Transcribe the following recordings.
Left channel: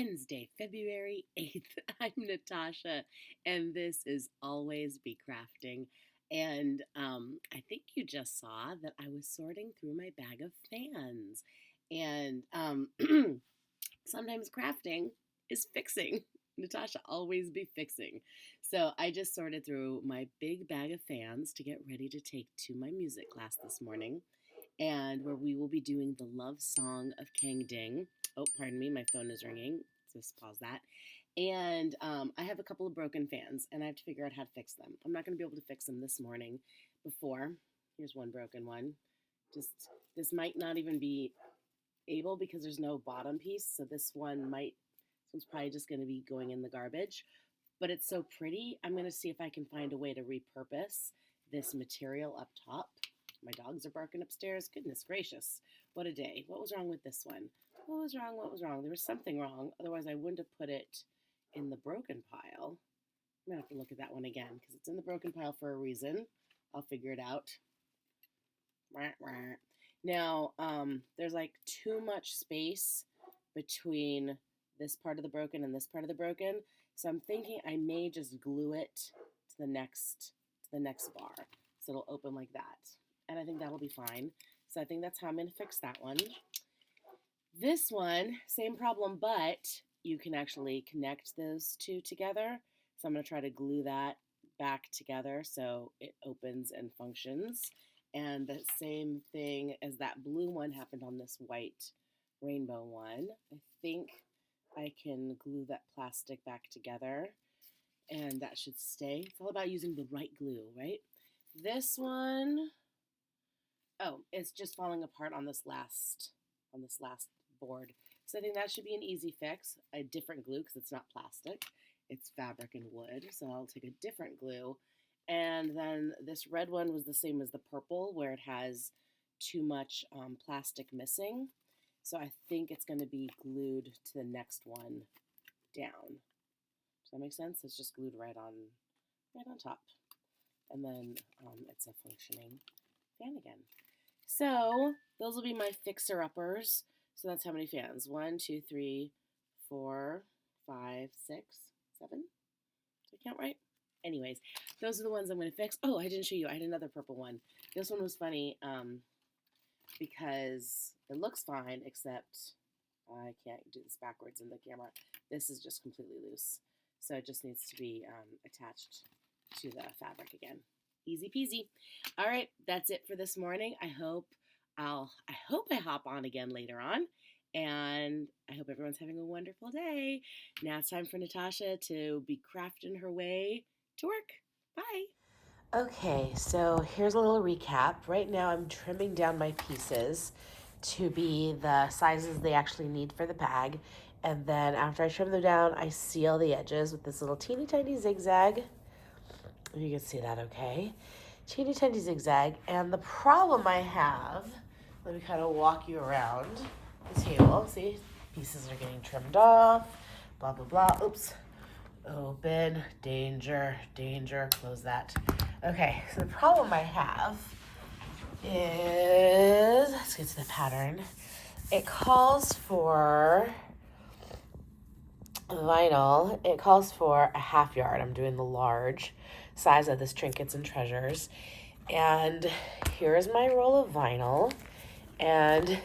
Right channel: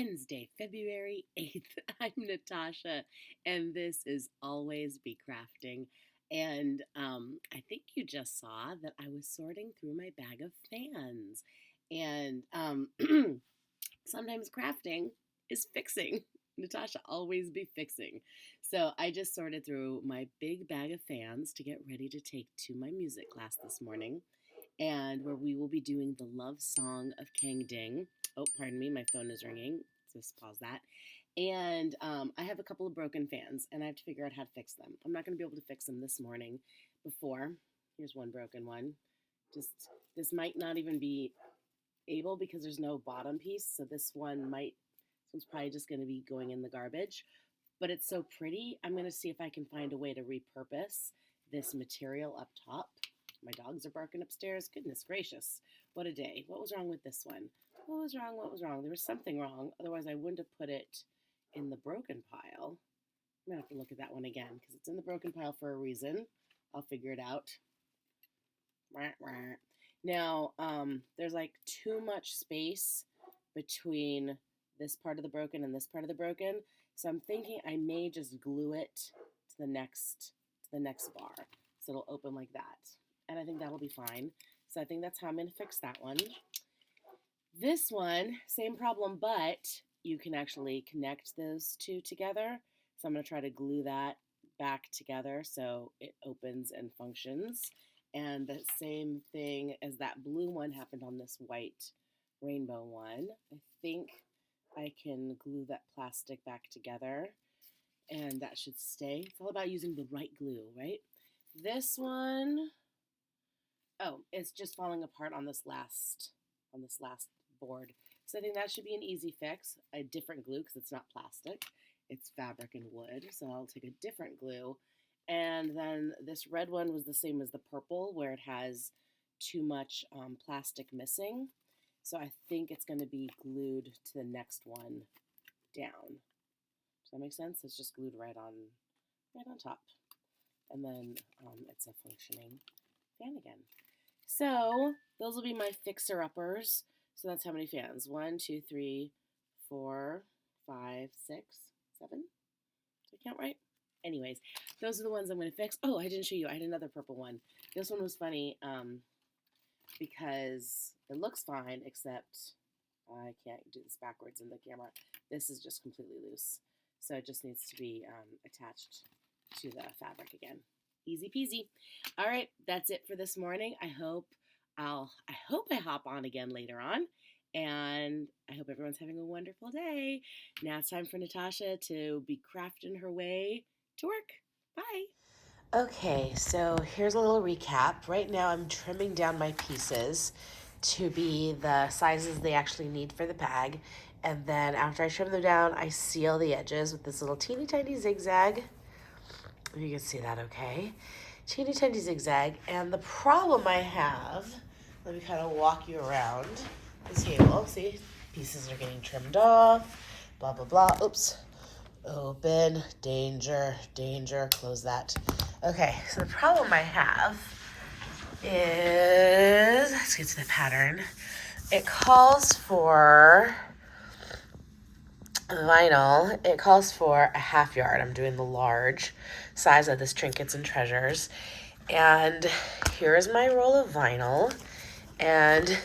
Wednesday, February 8th. I'm Natasha, and this is Always Be Crafting. And I think you just saw that I was sorting through my bag of fans. And sometimes crafting is fixing. Natasha, always be fixing. So I just sorted through my big bag of fans to get ready to take to my music class this morning, and where we will be doing the love song of Kang Ding. Oh, pardon me, my phone is ringing. Just pause that. And I have a couple of broken fans, and I have to figure out how to fix them. I'm not going to be able to fix them this morning before. Here's one broken one. Just this might not even be able because there's no bottom piece, so this one's probably just going to be going in the garbage. But it's so pretty. I'm going to see if I can find a way to repurpose this material up top. My dogs are barking upstairs. Goodness gracious. What a day. What was wrong with this one? What was wrong? What was wrong? There was something wrong. Otherwise, I wouldn't have put it in the broken pile. I'm going to have to look at that one again because it's in the broken pile for a reason. I'll figure it out. Now, there's like too much space between this part of the broken and this part of the broken. So I'm thinking I may just glue it to the next bar. So it'll open like that. And I think that'll be fine. So I think that's how I'm going to fix that one. This one, same problem, but you can actually connect those two together. So I'm going to try to glue that back together so it opens and functions. And the same thing as that blue one happened on this white rainbow one. I think I can glue that plastic back together, and that should stay. It's all about using the right glue, right? This one, oh, it's just falling apart on this last board. So I think that should be an easy fix. A different glue because it's not plastic. It's fabric and wood. So I'll take a different glue. And then this red one was the same as the purple, where it has too much plastic missing. So I think it's going to be glued to the next one down. Does that make sense? It's just glued right on top. And then it's a functioning fan again. So those will be my fixer-uppers. So that's how many fans? 1, 2, 3, 4, 5, 6, 7. Did I count right? Anyways, those are the ones I'm going to fix. Oh, I didn't show you. I had another purple one. This one was funny because it looks fine, except I can't do this backwards in the camera. This is just completely loose. So it just needs to be attached to the fabric again. Easy peasy. All right, that's it for this morning. I hope I hop on again later on. And I hope everyone's having a wonderful day. Now it's time for Natasha to be crafting her way to work. Bye. Okay, so here's a little recap. Right now I'm trimming down my pieces to be the sizes they actually need for the bag. And then after I trim them down, I seal the edges with this little teeny tiny zigzag. You can see that okay. Teeny tiny zigzag. And the problem I have, let me kind of walk you around the table. See, pieces are getting trimmed off, blah, blah, blah. Oops. Open, danger, danger, close that. Okay, so the problem I have is, let's get to the pattern. It calls for vinyl. It calls for a 1/2 yard. I'm doing the large size of this Trinkets and Treasures. And here is my roll of vinyl. And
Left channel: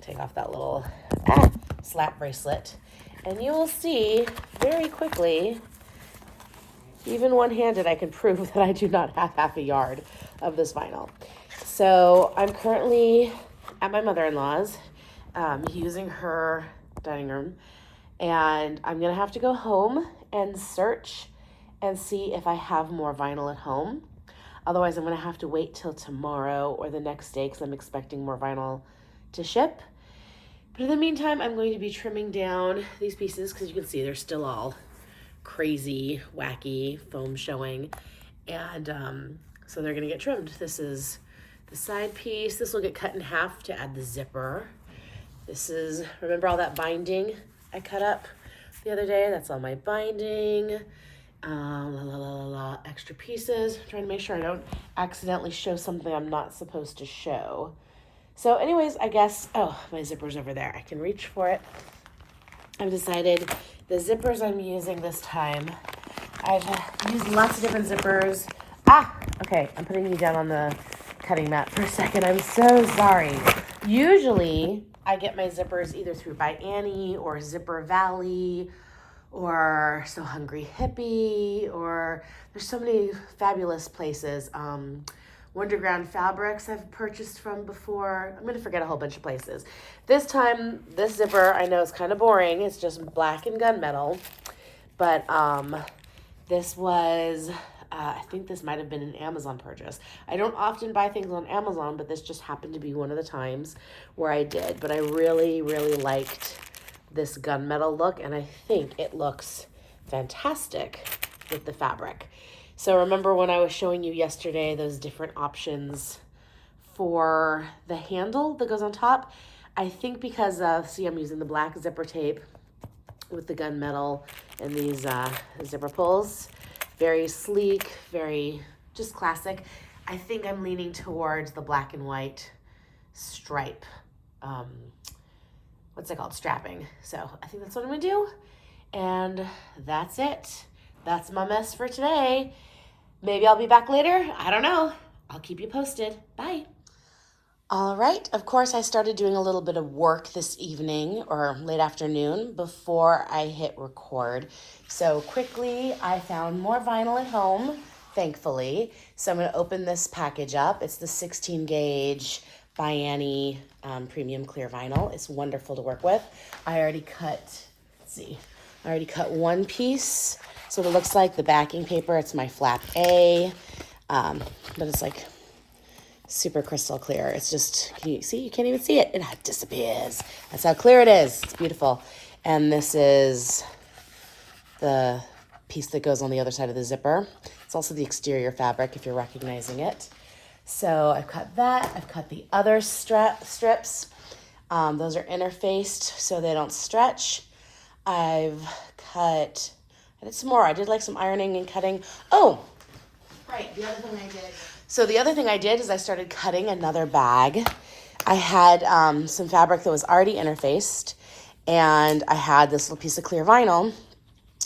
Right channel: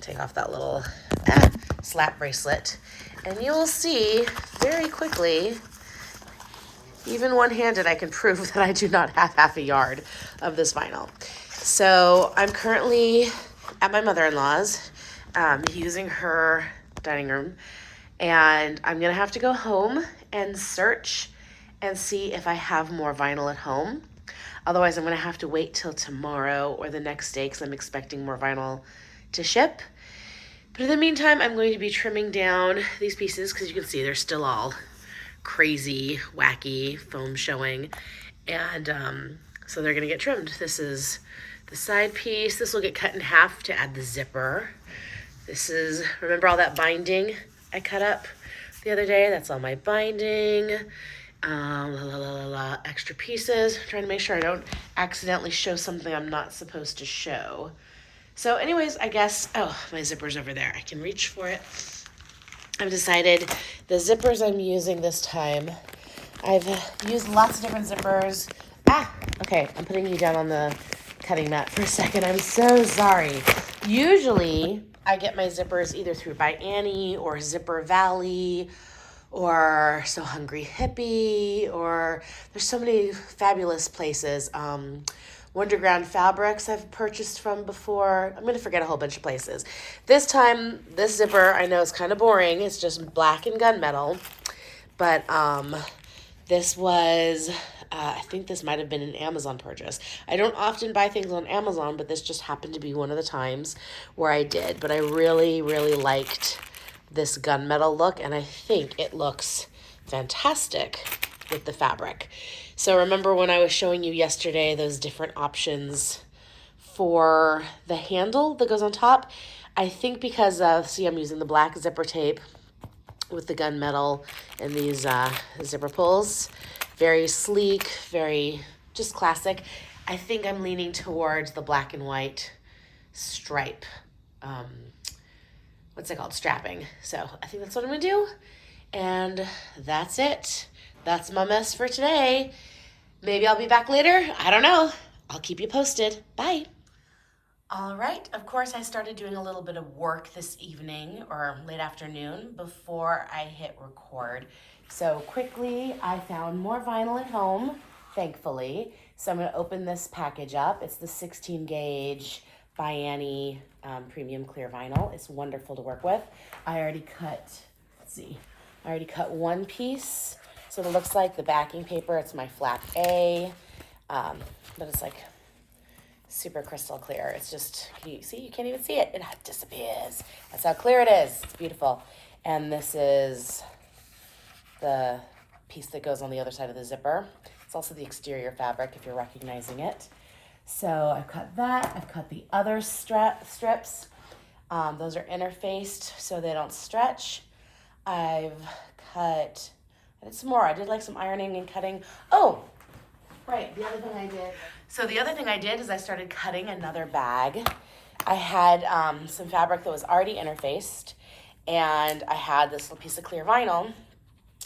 take off that little slap bracelet. And you will see very quickly, even one-handed, I can prove that I do not have 1/2 yard of this vinyl. So I'm currently at my mother-in-law's using her dining room. And I'm going to have to go home and search and see if I have more vinyl at home. Otherwise, I'm going to have to wait till tomorrow or the next day because I'm expecting more vinyl to ship. But in the meantime, I'm going to be trimming down these pieces because you can see they're still all crazy, wacky, foam showing. And so they're going to get trimmed. This is the side piece. This will get cut in half to add the zipper. This is, remember all that binding I cut up the other day? That's all my binding. Extra pieces. I'm trying to make sure I don't accidentally show something I'm not supposed to show. So anyways, I guess, oh, my zipper's over there. I can reach for it. I've decided the zippers I'm using this time, I've used lots of different zippers. Okay, I'm putting you down on the cutting mat for a second. I'm so sorry. Usually, I get my zippers either through By Annie or Zipper Valley or So Hungry Hippie, or there's so many fabulous places. Wonderground Fabrics I've purchased from before. I'm going to forget a whole bunch of places. This time, this zipper, I know it's kind of boring. It's just black and gunmetal. But this was, I think this might have been an Amazon purchase. I don't often buy things on Amazon, but this just happened to be one of the times where I did. But I really, really liked this gunmetal look, and I think it looks fantastic with the fabric. So remember when I was showing you yesterday those different options for the handle that goes on top? I think because of, see, I'm using the black zipper tape with the gunmetal and these zipper pulls. Very sleek, very just classic. I think I'm leaning towards the black and white stripe. What's it called? Strapping. So I think that's what I'm gonna do. And that's it. That's my mess for today. Maybe I'll be back later. I don't know. I'll keep you posted. Bye. All right, of course, I started doing a little bit of work this evening or late afternoon before I hit record. So quickly, I found more vinyl at home, thankfully. So I'm going to open this package up. It's the 16 gauge By Annie premium clear vinyl. It's wonderful to work with. I already cut, let's see, I already cut one piece. So it looks like the backing paper, it's my flap A, but it's like super crystal clear. It's just, can you see? You can't even see it. It disappears. That's how clear it is. It's beautiful. And this is the piece that goes on the other side of the zipper. It's also the exterior fabric, if you're recognizing it. So I've cut that. I've cut the other strips. Those are interfaced so they don't stretch. I did some more. I did like some ironing and cutting. Oh, right, the other thing I did. So the other thing I did is I started cutting another bag. I had some fabric that was already interfaced, and I had this little piece of clear vinyl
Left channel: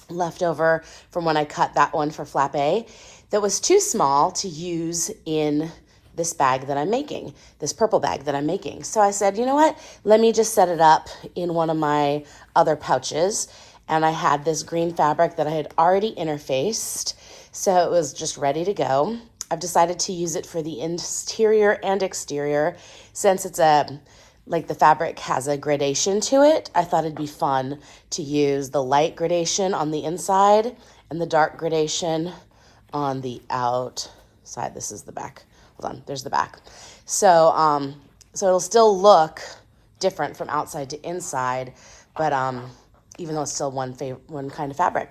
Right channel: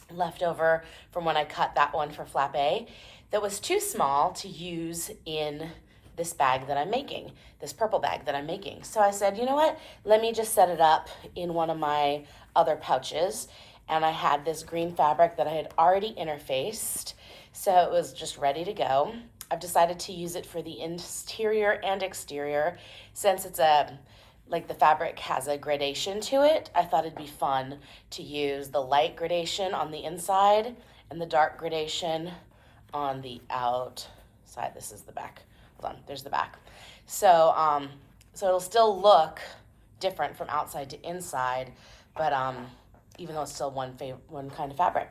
left over from when I cut that one for flap A that was too small to use in this bag that I'm making, this purple bag that I'm making. So I said, you know what? Let me just set it up in one of my other pouches. And I had this green fabric that I had already interfaced, so it was just ready to go. I've decided to use it for the interior and exterior. Since it's like the fabric has a gradation to it, I thought it'd be fun to use the light gradation on the inside and the dark gradation on the outside. This is the back. Hold on, there's the back. So, so it'll still look different from outside to inside, but even though it's still one kind of fabric.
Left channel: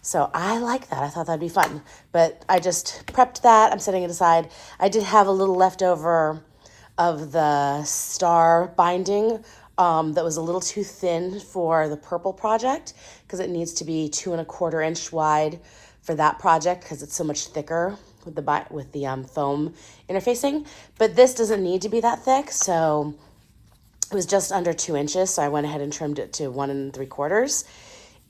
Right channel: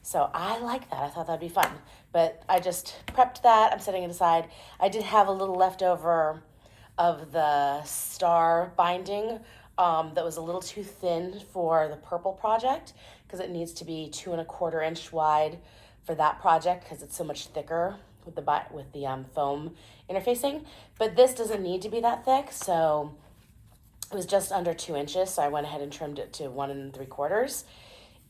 So I like that. I thought that'd be fun. But I just prepped that. I'm setting it aside. I did have a little leftover of the star binding that was a little too thin for the purple project because it needs to be 2¼ inch wide for that project because it's so much thicker with the foam interfacing. But this doesn't need to be that thick, so it was just under 2 inches, so I went ahead and trimmed it to 1¾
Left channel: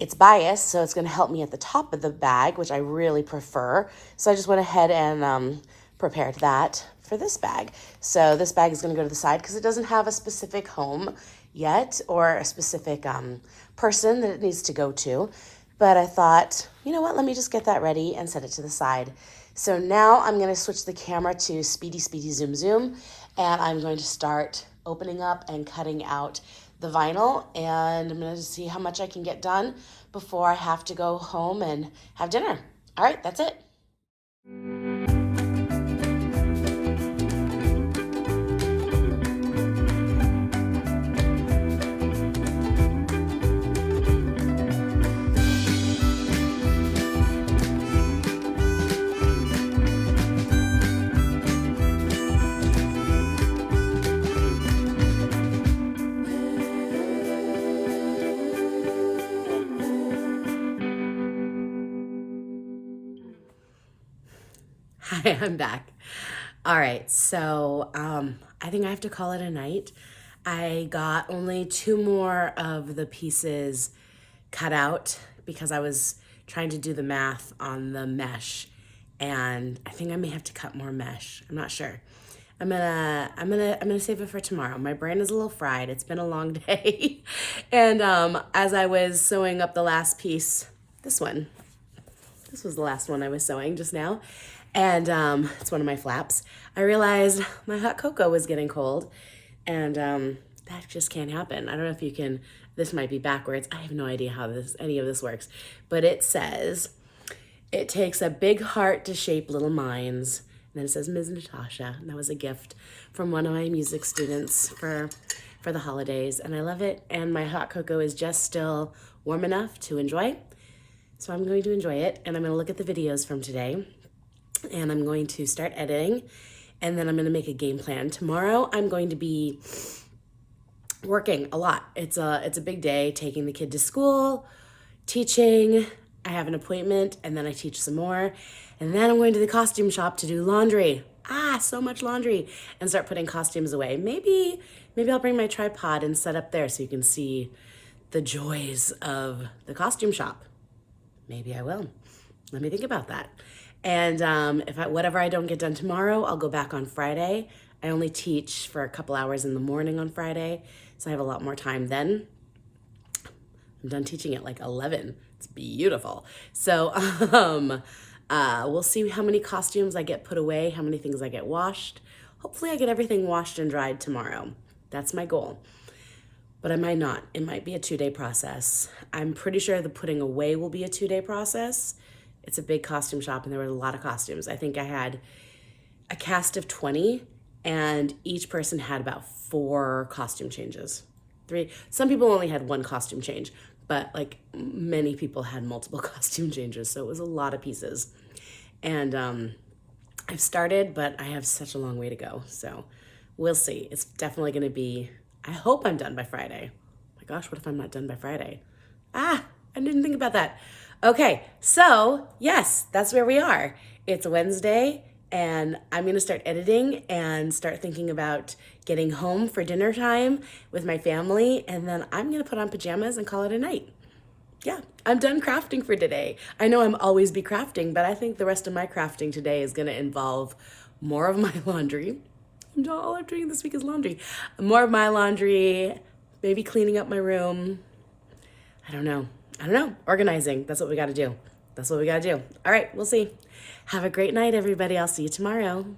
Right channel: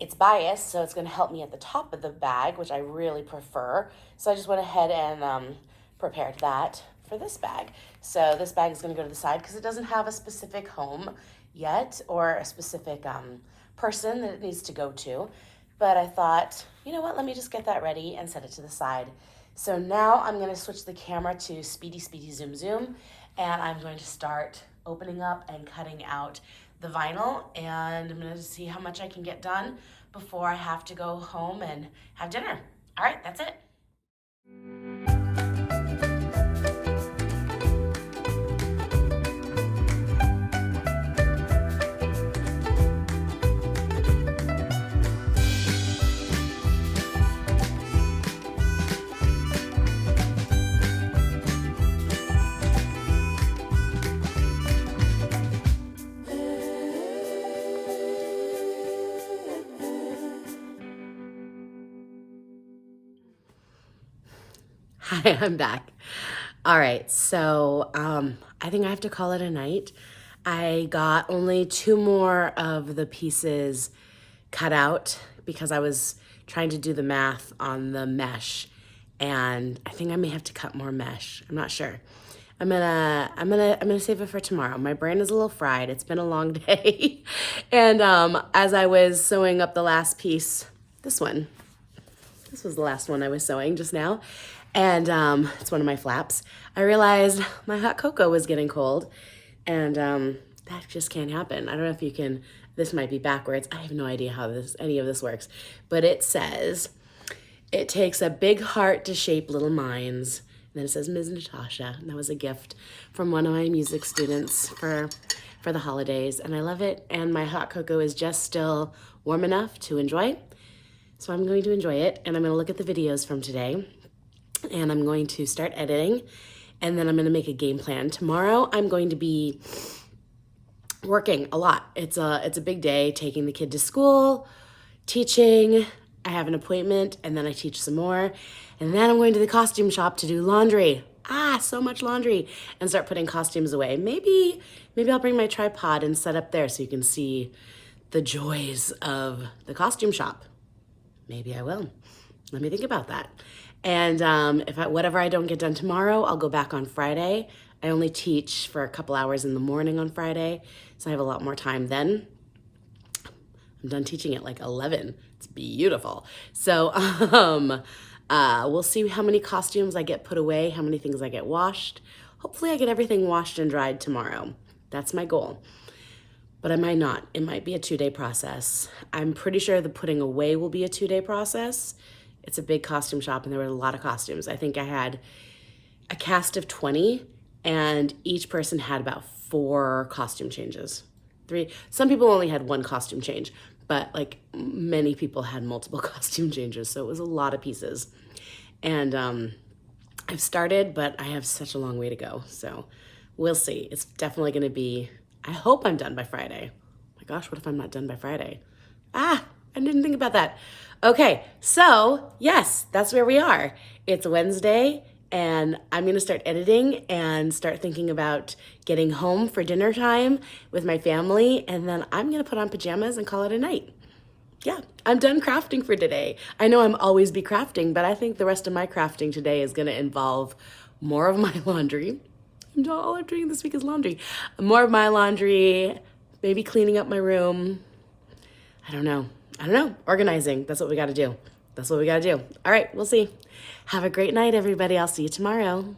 It's biased, so it's going to help me at the top of the bag, which I really prefer. So I just went ahead and prepared that for this bag. So this bag is going to go to the side because it doesn't have a specific home yet or a specific person that it needs to go to. But I thought, you know what, let me just get that ready and set it to the side. So now I'm going to switch the camera to speedy, zoom, zoom, and I'm going to start opening up and cutting out the vinyl, and I'm going to see how much I can get done before I have to go home and have dinner. All right, that's it. Hi, I'm back. All right, so I think I have to call it a night. I got only 2 more of the pieces cut out because I was trying to do the math on the mesh, and I think I may have to cut more mesh. I'm not sure. I'm gonna save it for tomorrow. My brain is a little fried. It's been a long day. And as I was sewing up the last piece, this was the last one I was sewing just now, and it's one of my flaps. I realized my hot cocoa was getting cold, and that just can't happen. I don't know if you can, this might be backwards. I have no idea how any of this works, but it says, it takes a big heart to shape little minds. And then it says Ms. Natasha, and that was a gift from one of my music students for the holidays, and I love it. And my hot cocoa is just still warm enough to enjoy. So I'm going to enjoy it, and I'm gonna look at the videos from today, and I'm going to start editing, and then I'm gonna make a game plan. Tomorrow, I'm going to be working a lot. It's a big day, taking the kid to school, teaching. I have an appointment, and then I teach some more. And then I'm going to the costume shop to do laundry. So much laundry, and start putting costumes away. Maybe I'll bring my tripod and set up there so you can see the joys of the costume shop. Maybe I will. Let me think about that. And whatever I don't get done tomorrow, I'll go back on Friday. I only teach for a couple hours in the morning on Friday, so I have a lot more time then. I'm done teaching at like 11. It's beautiful. So we'll see how many costumes I get put away, how many things I get washed. Hopefully I get everything washed and dried tomorrow. That's my goal. But I might not. It might be a 2-day process. I'm pretty sure the putting away will be a 2-day process. It's a big costume shop, and there were a lot of costumes. I think I had a cast of 20, and each person had about 4 costume changes. 3. Some people only had 1 costume change, but like many people had multiple costume changes, so it was a lot of pieces. And I've started, but I have such a long way to go, so we'll see. It's definitely gonna be, I hope I'm done by Friday. Oh my gosh, what if I'm not done by Friday? I didn't think about that. Okay, so yes, that's where we are. It's Wednesday, and I'm gonna start editing and start thinking about getting home for dinner time with my family, and then I'm gonna put on pajamas and call it a night. Yeah, I'm done crafting for today. I know I'm always be crafting, but I think the rest of my crafting today is gonna involve more of my laundry. All I'm doing this week is laundry. More of my laundry, maybe cleaning up my room. I don't know. Organizing. That's what we gotta do. All right, we'll see. Have a great night, everybody. I'll see you tomorrow.